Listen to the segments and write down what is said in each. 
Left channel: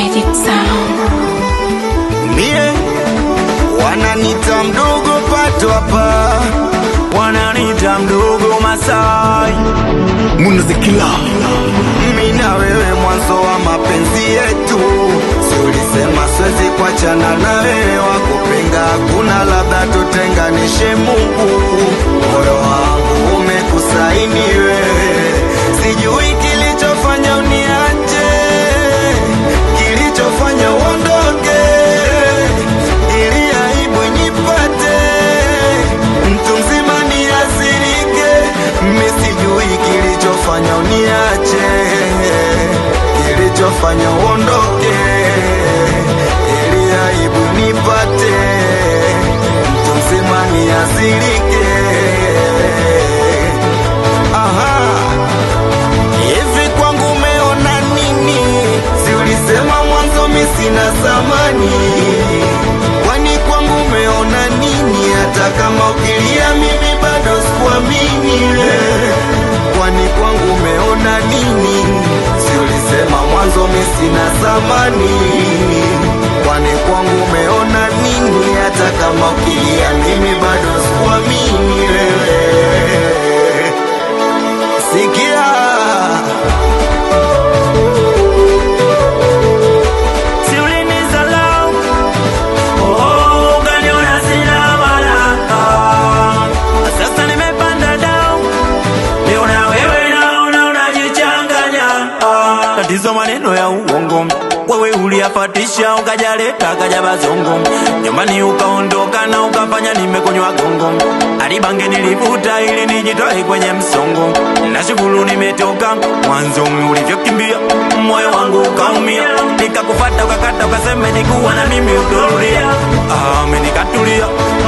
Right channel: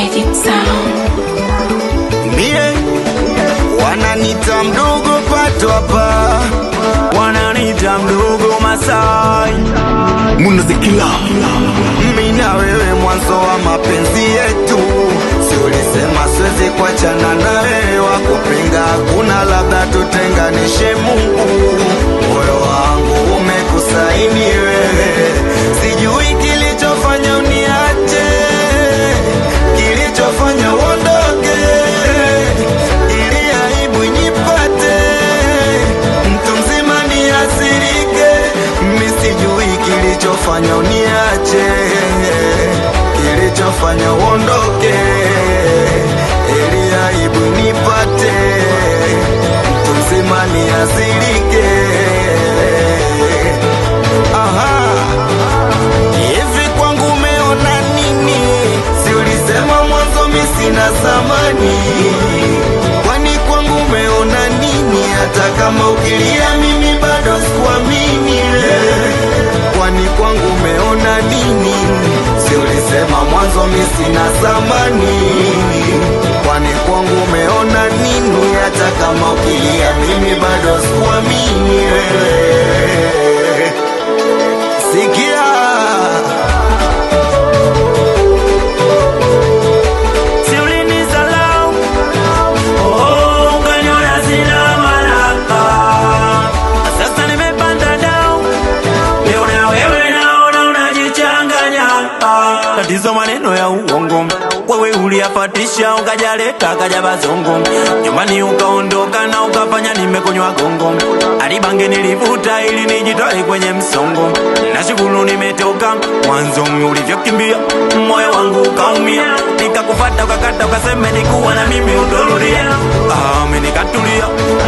Magic Sound. Mie wananita mdogo Pato hapa, wananita mdogo Masai Munazikila. Mimi na wewe mwanzo wa mapenzi yetu, si ulisema siwezi kuachana na wewe, wakupinga hakuna, labda tutenganishe Mungu. Moyo wangu umekusaini wewe, sijui kilichofanya uniache, kilichofanya uondoke, ili aibu nipate, mtu mzima niasirike. Mimi sijui kilichofanya uniache, kilichofanya uondoke, ili aibu nipate, mtu mzima niasirike. Aha, hivi kwangu umeona nini? Si ulisema mwanzo mimi sina thamani, kwani kwangu umeona nini? Hata kama ukilia mimi bado sikuamini. Kwani kwangu umeona nini? Si ulisema mwanzo mimi sina thamani, kwani kwangu umeona nini? Hata kama ukilia mimi bado sikuamini wewe. Sikia, si ulinizalau, oh, ukaniona sina maana. Sasa nimepanda down, leo na wewe naona unajichanganya. Tatizo maneno ya uongo, wewe uliyafatisha ukajaleta kaja bazongo, nyumbani ukaondoka na ukafanya nimekonywa gongo. Alibange nilivuta ili nijitoe kwenye msongo, nashukuru nimetoka. Mwanzo ulivyokimbia moyo wangu ukaumia, nikakufata ukakata ukasema nikuwa na mimi utorudia. Mimi nikatulia,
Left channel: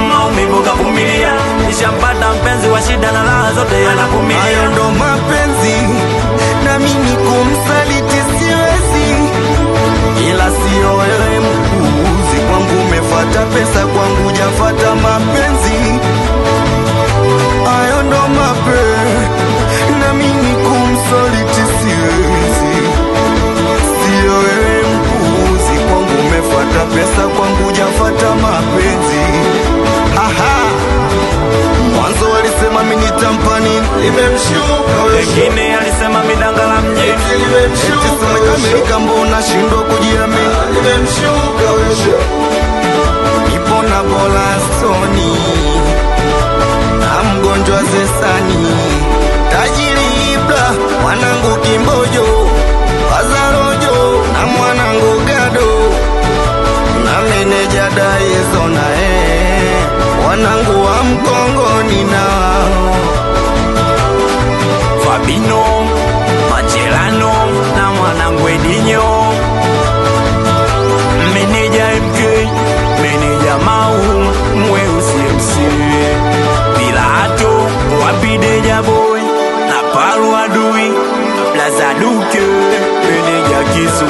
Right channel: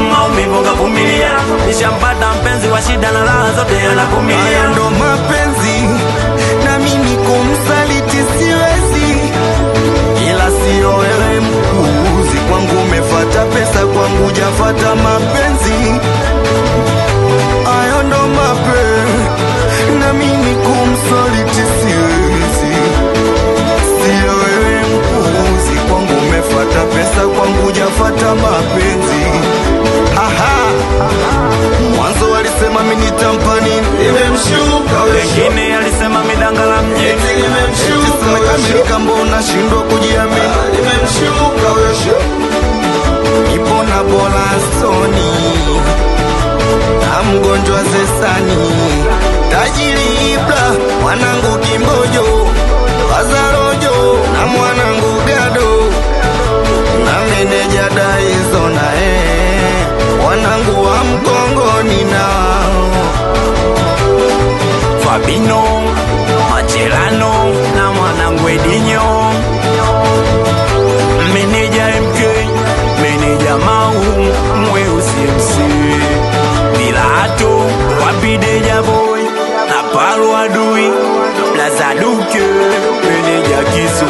maumivu kavumilia, nishampata mpenzi wa shida na raha zote anavumilia. Hayo ndo mapenzi, na mimi kumsaliti siwezi, ila sio wewe mpuuzi. Kwangu umefata pesa, kwangu hujafata mapenzi. Hayo ndo mapenzi, na mimi kumsaliti siwezi, sio wewe mpuuzi. Kwangu umefata pesa, kwangu hujafata mapenzi. Aha, mwanzo walisema mimi nitampa nini, imemshuka wewe. Wengine alisema midanga la mjini, eti simekamilika, mbona shindwa kujiamini, imemshuka wewe. Ipo na Bolastoni na mgonjwa Zesani, tajiri Ibra, mwanangu Kimbojo, Wazarojo na mwanangu Gado, na meneja Daizo na wanangu wa Mkongoni na wao Fabino Macherano na mwanangu Edinho, meneja MK, meneja Mau Mweusi MC, Vilato Wapideja Boy na Paru Adui, Plaza Duke, meneja Kisu.